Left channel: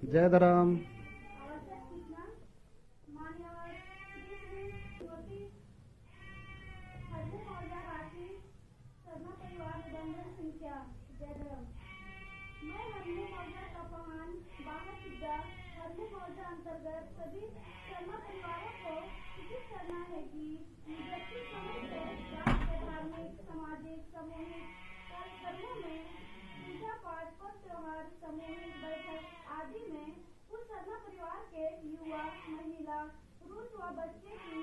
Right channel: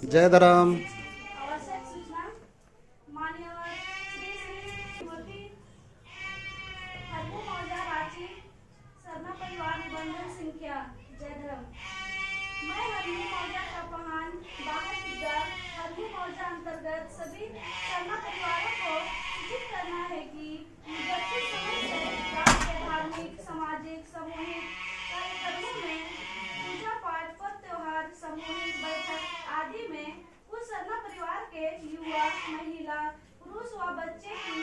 जय धर्म। आवश्यक सूचना माननीय श्री श्री श्रीमती हरमू मौजा रांची सरना परिवार निबंधन संख्या जय धर्म। मैं हरमू मौजा का पहान बाहर पिता हरमू मौजा अंतर्गत सभी सरना परिवारों को सूचित करना है कि मुद्दती समय से गाँव के धार्मिक सामाजिक सामूहिक कार्यक्रमों में पूजा पाठ पर्व त्योहार सामूहिक बैठक आदि में कुछ सरना परिवार के युवा महिला पुरुष व बच्चे की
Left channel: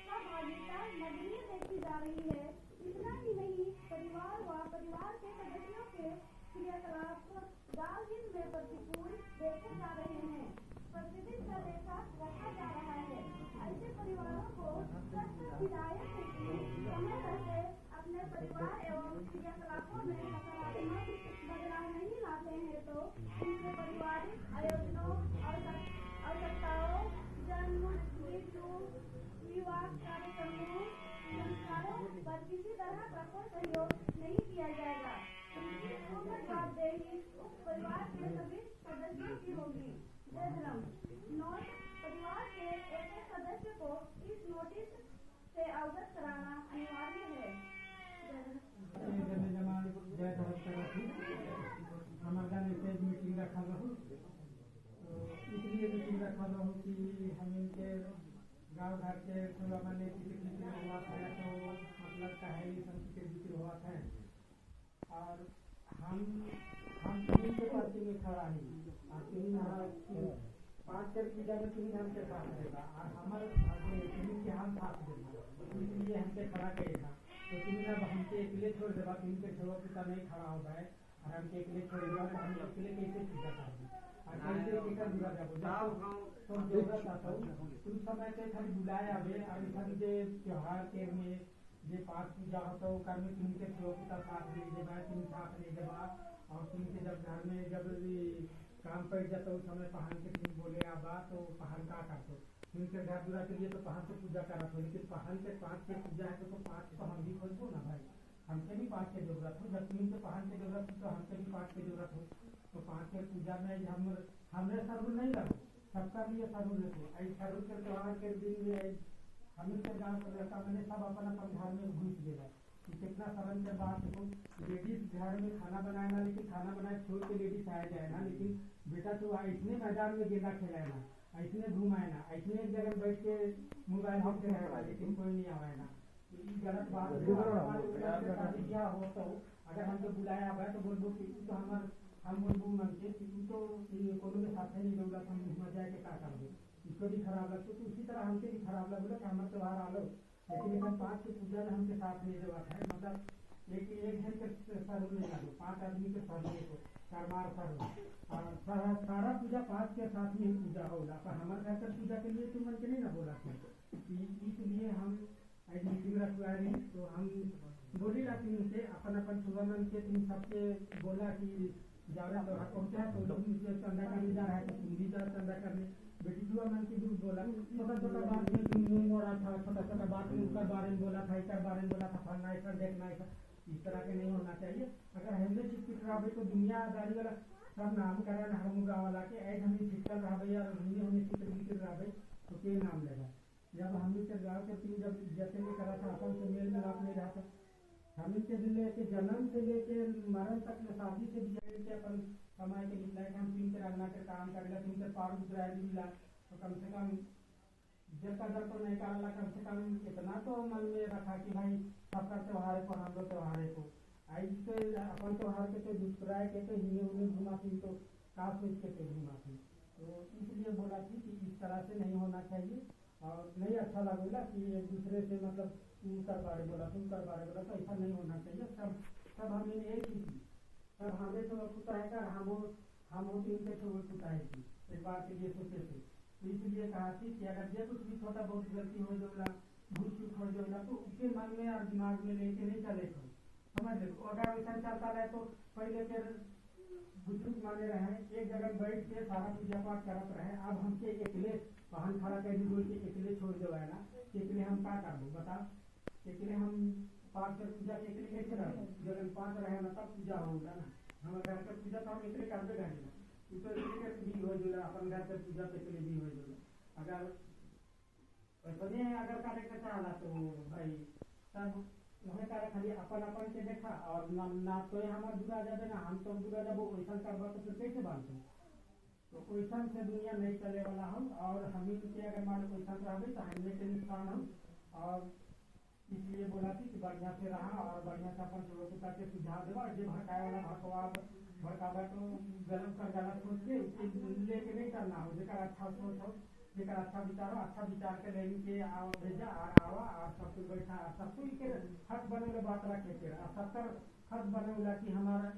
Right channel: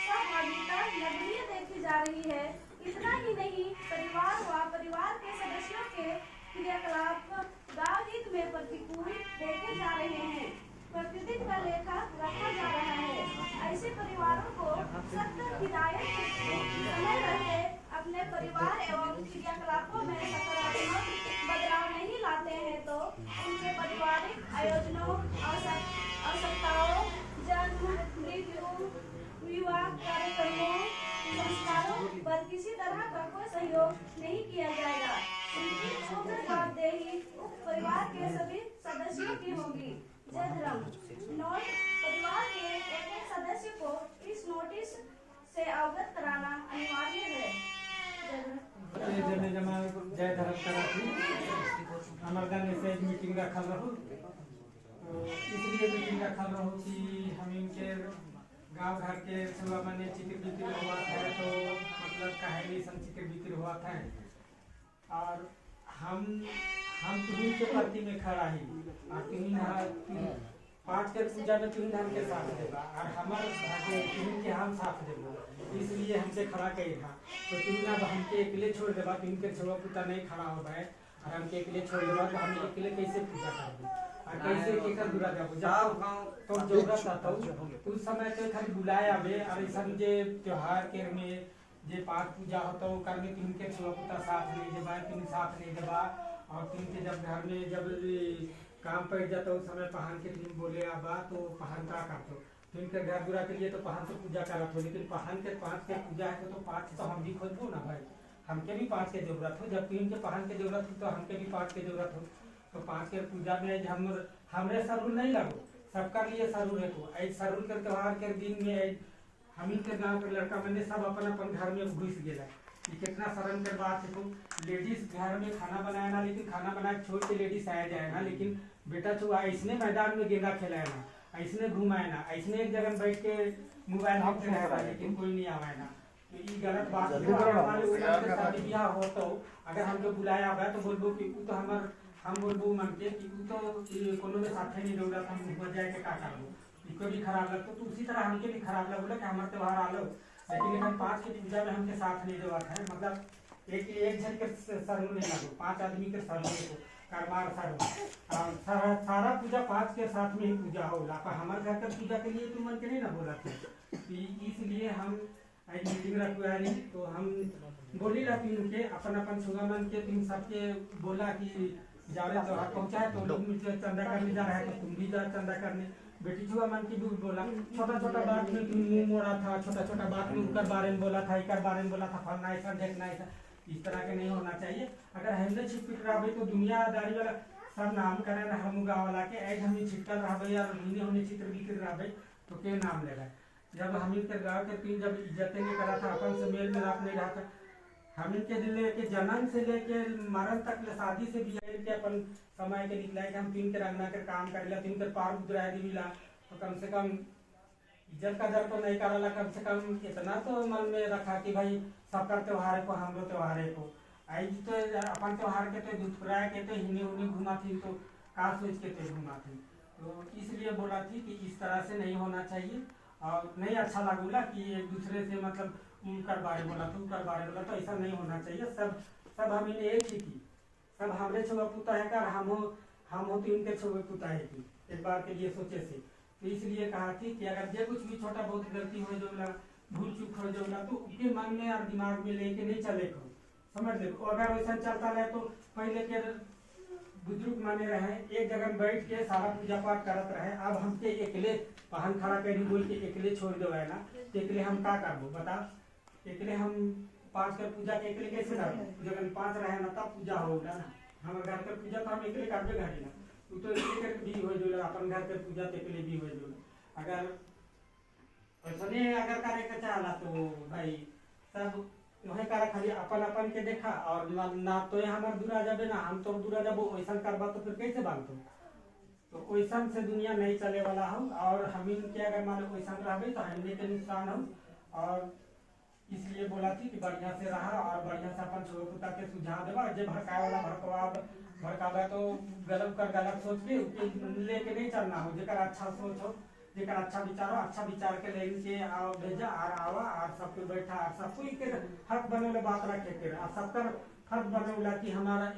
सहभागिता नगण्य देखी जा रही है। इतना ही नहीं, परिवार व परिवार के सदस्यों के क्रियाकलाप गाँव हित में प्रतिकूल देखे जा रहे हैं। प्रतिदिन का लेखा रखा जा रहा है। ऐसे परिवारों को सख्त हिदायत है कि समय रहते अपने परिवार एवं क्रियाकलापों में सकारात्मक बदलाव नहीं लाते हैं तो उनके पारिवारिक आयोजनों आवश्यकताओं जन्म मृत्यु विवाह कार्यक्रमों संस्कारों पर किसी तरह का कोई सहयोग नहीं किया जाएगा। उनकी पूर्ण जवाबदेही उक्त परिवार के सभी सदस्यों की होगी। जय धर्म। नोट, परिवार के एक सदस्य को इस नोटिस से अवगत कराना अनिवार्य है। जय धर्म कराथी हमारे गाँव में से मीटिंग रखल रहू, तो इसलिए मीटिंग रखल रहू कि हम इनके गांव घर के सेवा माने चित्र बिक्री हुआ था, तो मतलब कहानी सन चित्र बिक्री हुआ था और हम तीन के प्रति में खड़ा ही और तीन पाँच के पूजा में तीन हम के साथ देगा और हमारे तीन के हम साथ देगा, इसलिए हमसे खड़ा कही था। तो तीन अब हमके अकेले छोड़ देगा, तीन के छुआ पुता नहीं खड़ा हो गए और हमके अकेले छोड़ देगा, तो हम अकेले कैसे पूजा करेंगे और कैसे केकर दूरा जाबो जाओ तो जरूरत आता उस समय तो खाली बुलाए आवे और ऐसा जे त्योहार के में जे पाठ पूजा होता है कर में तीन के छुआ पुता साथ नहीं देवा, तीन साथ नहीं देवा और तीन के जब घर में जब काम पड़ जाता उस समय पहन के तीन बोले आबा तो पहन का करते तीन के घर दूरा के लिए तो पहन से पूजा करत हो, लेकिन पहन के पाँच के पूजा है तो पाँच तो हम भी खोजबो ना भाई, हमके भी पाँच के जरूरत हो। जब तीन के पहन के जरूरत हो तो हमके भी पाँच के जरूरत हो। तो पाँच के पूजा में हमरे सरूर नहीं लगो, सबका लिए सरूर है। तो ऐ सरूर के त्योहार के दिन में हम के गाँव के लड़का मैंने सब अपन अपन घर में घुस गया। कितना शर्म के बात है। तो लेडीज घर में खाना बनाए ना, लेकिन खाना बनाए छोड़ के लेडीज आया जाए ना, लेकिन बेटा छुआ ऐसने मैदान में गेंदा खेलाए ना, ऐसने घुमाए ना, ऐसने एक जगह बैठ के मोबाइल देखते रहे, लेकिन कोई नहीं आवाए ना। तो ये गलत बात है। शादी ब्याह हो तो अगर हमको बुलाया हुआ तो बोलबो कि तो हम बोलबो मन के कि तो कोनो में साथे नहीं रौला, हम घुमा जाए के का करबो, इको भी खराब लगता। तो उसी तरह हमके भी खराब लगो कि हमारे त्योहार आलो, लेकिन हम पाँच के पूजा में हमके साथ नहीं देवा है। मतलब एक जन के सर नहीं लगो, पाँच आदमी के सर में को करमार सर और सारा पूजा पाँच के साथ में ही पूजा होला। पर हमारे घर के पूजा के लिए तुम मन के नहीं ना बोला थे, इसलिए हम मीटिंग रखवाली। तो हम बोली ला तीन के अपन अपन सुगा मन के तीन सबके बोला कि जा रहे त्योहार पहुँचा है तो लोग चंदा करने जा रहा है, तो तुम भी जा चंदा करने। बेटी जुआ मन की भी बोला, छोटा छोटा बात में मुंह मोड़ा था, छोटा छोटा बात में उनकर बारे में बोला था, एक बारे में बोला था, फलना ऐसा देखना ऐसा, इस तरह के नहीं होना चाहिए। अगर हमने छिटपिट रहा तो दुनियादारी वाला सब नाम करे ना, हम गाँव वाला के ऐड हम छिटकल रहा और होने चित्र बिक्र रहा तो के नाम लेगा। जब हम के गाँव के तीन जब इज्जतें नहीं करा था, अपन से मेल मिलाप नहीं रहा था, हम के लेके जन्म से लेके मरण तक शादी से भी के अपन समय के निकला कि हम तीन के रंगना कर काम करेला, तीन के पार उतरा मिला, तो कम से कम इज्जत का दर तो नहीं कराला, कम से कम इतना तो मन में रखा कि भाई सबका त्योहार को हम लोग त्योहार को आई तो अपन त्योहार के तो दुष्कराय के तो हिने उन्हें घुमा थी, तो का सोच के तो घुमा थी। तो इसलिए बोला थी कि इस तरह से नहीं होना चाहिए और नहीं अच्छा लगूला कि एक दूसरे से मतलब कर बारे बोला तुम कर बारे बोला, तो ऐसा नहीं होना चाहिए। सब हम इन्हें एक ही थी, सब हमरे छुआ पुता है कर हम हो तो इनके छुए पुता है थी एक बार के लिए सोचे से। तो इसलिए कहा थी कि अगर जो कुछ भी छोटा बहुत गलती हो जोला भूल चूक हो जोला तो उसके मन में और दिमाग में लेके नहीं चले को समझ ले। अगर वैसा चलता रहे तो पहले के बुजुर्ग माने रहे एक जगह बैठ के सारा पूजा पाठ करत रहे, अब हमके अकेले पहन खड़ा करी बोल के अकेले छोड़ दो है ना, तो अकेले हम का करबो बता। अकेले हम पाँच कर पूजा के अकेले कैसे करबो, जब पाँच रहे ना तब पूजा होगा ना। हमारे घर का पूजा तो हम अकेले करबे घड़ी ना, तो अकेले भी हो जो अपन घर के पूजा के लिए भी हो जो अगर वैसने अगर करे के चाहला तो भाई सब वही करा खाली अपन अपन के देखा और ना तो हमार दूरा जाबे ना हम तो दूरा जाबो वैसा करबा तो फिर कैसे बांधो तो वैसा से दुनिया नहीं चले वाला हो और हम के अगर मान लो वैसा रहे तो हमने के नुकसान हो और इसलिए बोला थी कि बढ़िया से रहा और बढ़िया से अपन छोड़ कुत्ता के सुझाव देवा जे भड़काए वाला भड़कावा तो गलत कर गलत सोच के लेके नहीं चलना हो जेकर अच्छा सोच हो जेकर अच्छा विचार हो अच्छा विचार के लेन के आओ भेजा और आवा और सब कोई बैठा और सब कोई के हक बने बात रखे के और सबकर फर्ज बने कि हमारा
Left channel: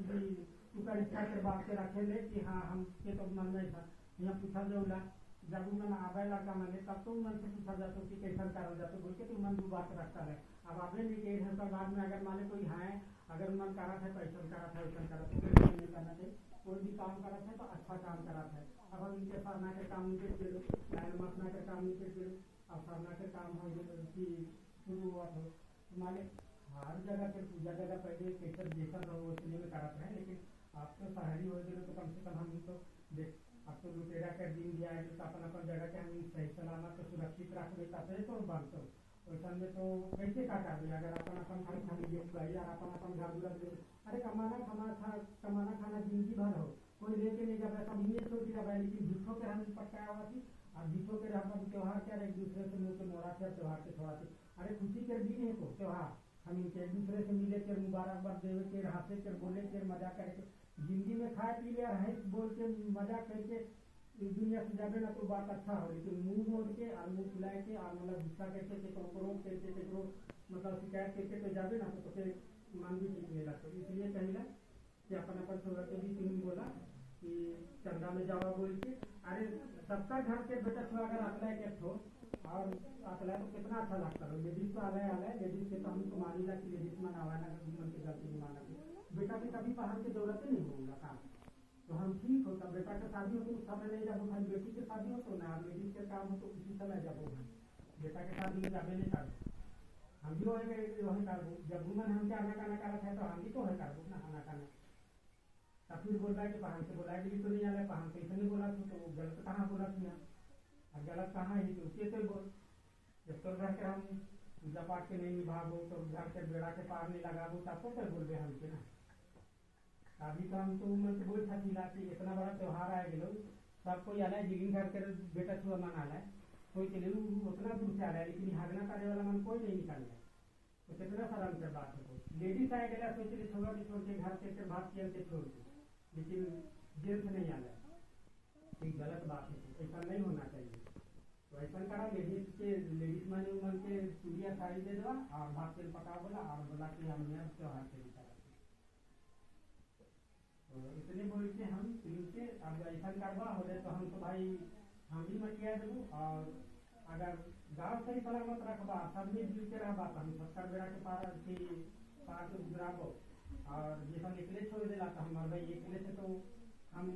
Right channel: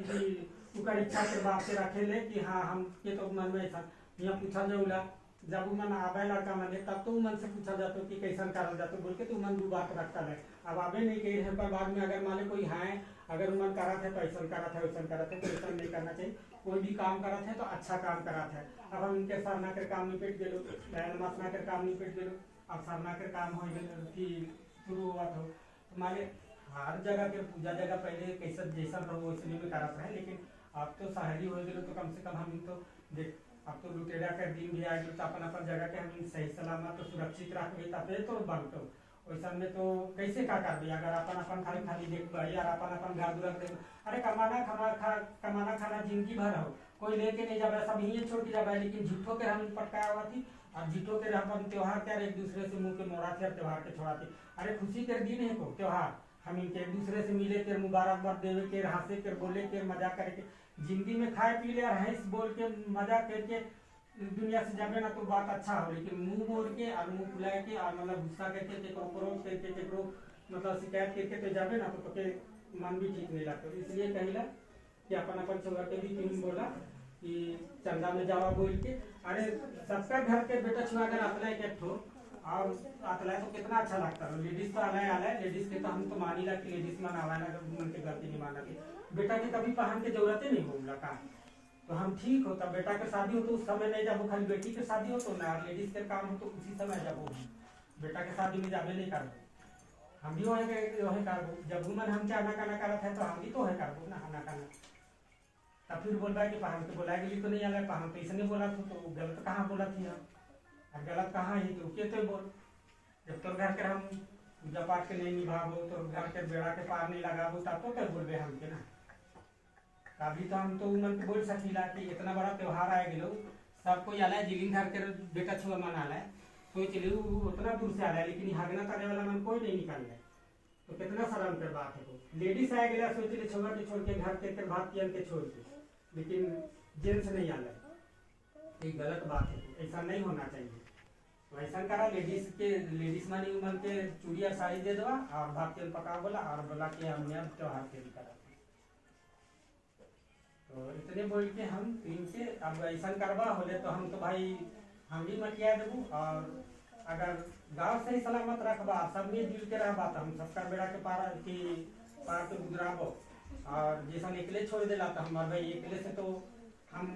उकर इच्छा के बात से रखे ले कि हाँ हम के तो मन में ऐसा यहाँ पूछा जाऊला जब मन आवे लड़का मन तब तो मन से पूछा जाता कि कैसा करल जाता बोल के तो मन दो बात रखता है अब आवे नहीं कही है पर बाद में अगर मान कोई है अगर मन करा थे तो ऐसा करा था वैसा करा था तो ऐसा नहीं करना चाहिए कोई भी काम करा थे तो अच्छा काम करा था अब हम इनके सरना कर काम निपट गए नमाजना कर काम निपट गए अब सरना कर काम हो कि शुरू हुआ था हमारे हर जगह के पूजा जगह पहले कैसा जैसा रहो इसलिए में करा था लेकिन अब तो शहरी हो गए तो कम से कम हम तो देख अब तो लुटेरा के दिन भी आ गए तो अपन जगह के हम सही सलामत तो सुरक्षित रखबे तब तो बनतो वैसा में तो कैसे का करबे अगर अपन खाली खाली देखबे यार अपन घर दुरा देख अरे कमाना खाना जिंदगी भर हो कोई लेके नहीं जाबे सब यहीं छोड़ के जाबे लेकिन झूठो के हम पटकाया हुआ थी और झूठो के अपन त्योहार के एक दूसरे से मुंह के मोड़ा थे त्योहार के छोड़ाते अरे खुशी के दिन है को त्योहार हम इनके एक दूसरे से मिले के मुबारकबाद देवे के हंसे के बोले के मजा करके जिंदगी में खाए पी ले और हंस बोल के मजा करके दुनिया से जाबे ना तो बात अच्छा हो लेकिन मुंह मोड़ के और मुंह फुलाए के और मतलब गुस्सा करके क्रोध करके मतलब शिकायत करके तो जाबे ना तो के मन भी ठीक नहीं लगता इसलिए कहिला कि अपन छोड़ा के भी तुम बोला कि चंदा में जावा बोल के अरे सबका घर के बेटा छुआ अगर अतला एक ठो और अतला तो कितना अच्छा लगता है लेडीज तो आला लेडीज के तो हम तो मानी ला कि लेडीज मन आवाना मन के गलती नहीं माना के बेटा के कभी पहन के जरूरत ही नहीं होगा का तो हम ठीक होता बेटा के शादी हो तो उस समय नहीं जाबो खाली बेटी के शादी हो तो ना लेडीज के काम हो तो उसी समय जाबो बेटा के शादी में जाबे नहीं करबो हम भी वही करबो जब मन हम क्या ना करत है तो हम भी तो है करबो ना ना करना तब फिर बोलबा कि पहन के बोला गेली तो नहीं आला पहन तो इसने बोला तो गलत कहाँ बोला थी और गलत कहाँ है तो के तो बोल जब तो घर के हम पूजा पाठ के नहीं निभाबो तो घर के बेड़ा के पार नहीं लगाबो तब तो क्या बोलबे हम के ना अभी तो हम तो मन बोल सकीला कि इतना बड़ा त्योहार आ गए सब कोई आला जिलिन घर के बेटा छुआ मन आला सोच ली उतना दूर से आला लेकिन हागना करने वाला मन कोई नहीं निकाल है तो कितना शर्म कर बात है लेडीज आ गया सोच ली छोड़ के घर के भात के छोड़ के लेकिन जेंट्स नहीं आला ये गलत बात है ऐसा नहीं होना चाहिए तो ऐसा करा लेडीज मानी मन के चूड़िया साड़ी दे दो और भात तेल पका बोला और बोला कि हमने त्योहार के करा तो इतने बोल के हम इनके अब ऐसा करवा होले तो हम तो भाई हम भी मटिया देबू और अगर गाँव सही सलामत रखबा सब मिलजुल के रहबा तो हम सबका बेड़ा के पार के गुजराबो और जैसा निकले छोड़ देला तो हमारे भाई अकेले से तो हम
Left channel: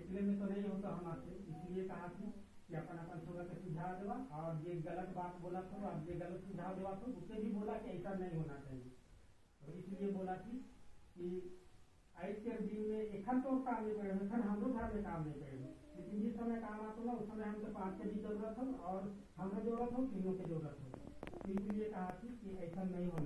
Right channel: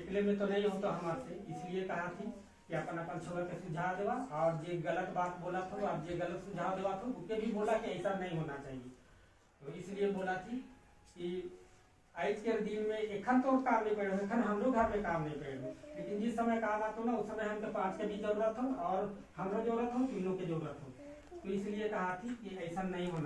अकेले में तो नहीं हो तो हमारे से इसलिए कहा थी कि अपन छोड़ के सुझाव देवा और जे गलत बात बोला था और जे गलत सुझाव देवा था उसके भी बोला कि ऐसा नहीं होना चाहिए तो इसलिए बोला थी कि आज के दिन में एखन तो काम नहीं पड़े एखन हमरो घर में काम नहीं पड़े लेकिन जिस समय काम आता ना उस समय हमको 5 के भी जरूरत हो और हमरो जरूरत हो तीनों की जरूरत हो तो इसलिए कहा थी कि ऐसा नहीं होना